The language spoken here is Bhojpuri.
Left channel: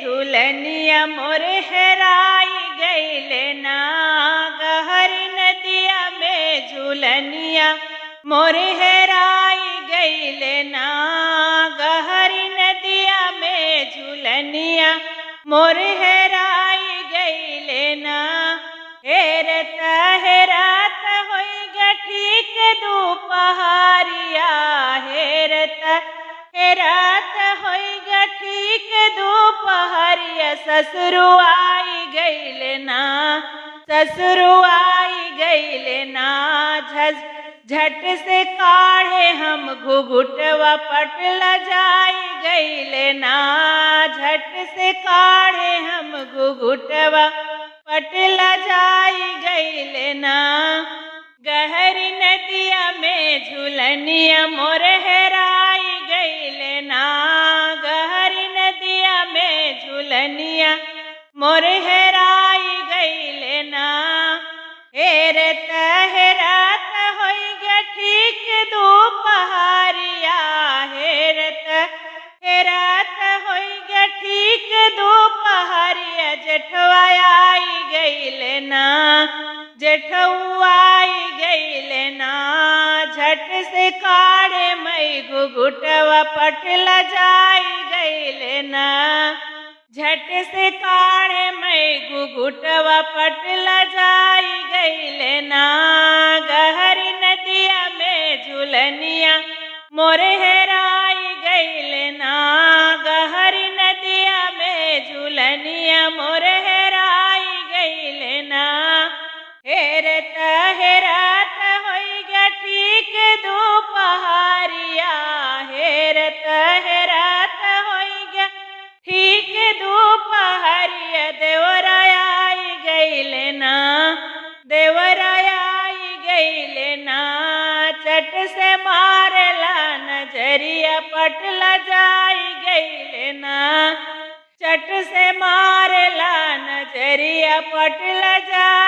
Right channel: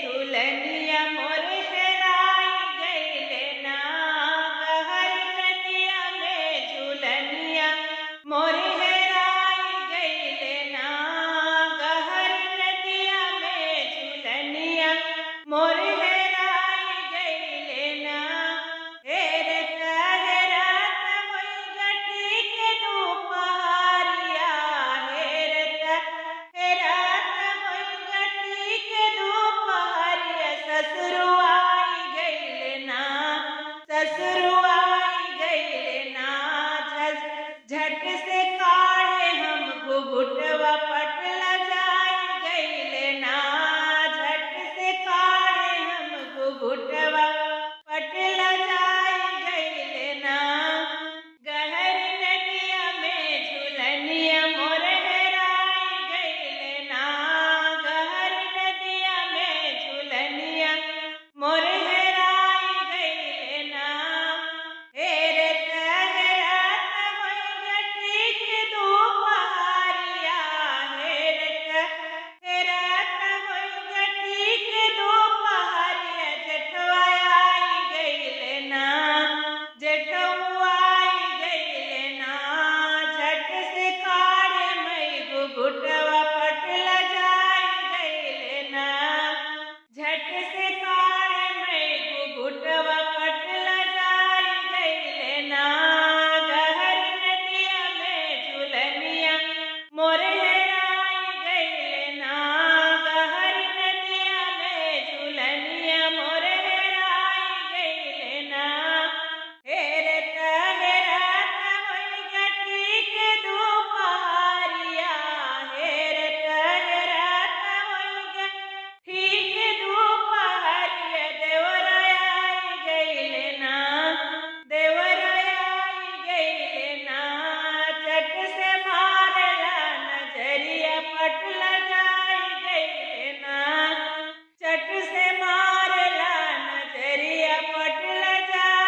झूलनिया मोर हेराई गईले ना। गहरी नदिया में झूलनिया मोर हेराई गईले ना। गहरी नदिया में झूलनिया मोर हेराई गईले ना। हेरत हेरात होई गठीक दोपहरिया। हेरत हेरात होई गठीक दोपहरिया। ससुरु आई गईले ना। ससुरु आई गईले ना। झट से काढ़े हम घुघुटवा पटला जाई गईले ना। झट से काढ़े हम घुघुटवा पटला जाई गईले ना। गहरी नदिया में झूलनिया मोर हेराई गईले ना। गहरी नदिया में झूलनिया मोर हेराई गईले ना। हेरत हेरात होई गठीक दोपहरिया। हेरत हेरात होई गठीक दोपहरिया। जेठवा आई गईले ना। जेठवा आई गईले ना। झट से काढ़े मई घुघुटवा पटला जाई गईले ना। झट से काढ़े मई घुघुटवा पटला जाई गईले ना। गहरी नदिया में झूलनिया मोर हेराई गईले ना। गहरी नदिया में झूलनिया मोर हेराई गईले ना। हेरत हेरात होई गठीक दोपहरिया। हेरत हेरात होई गठीक दोपहरिया। देवराया आई गईले ना। देवराया आई गईले ना। चट से मारला नजरिया पटला जाई गईले ना। चट से मारला नजरिया पटला जाई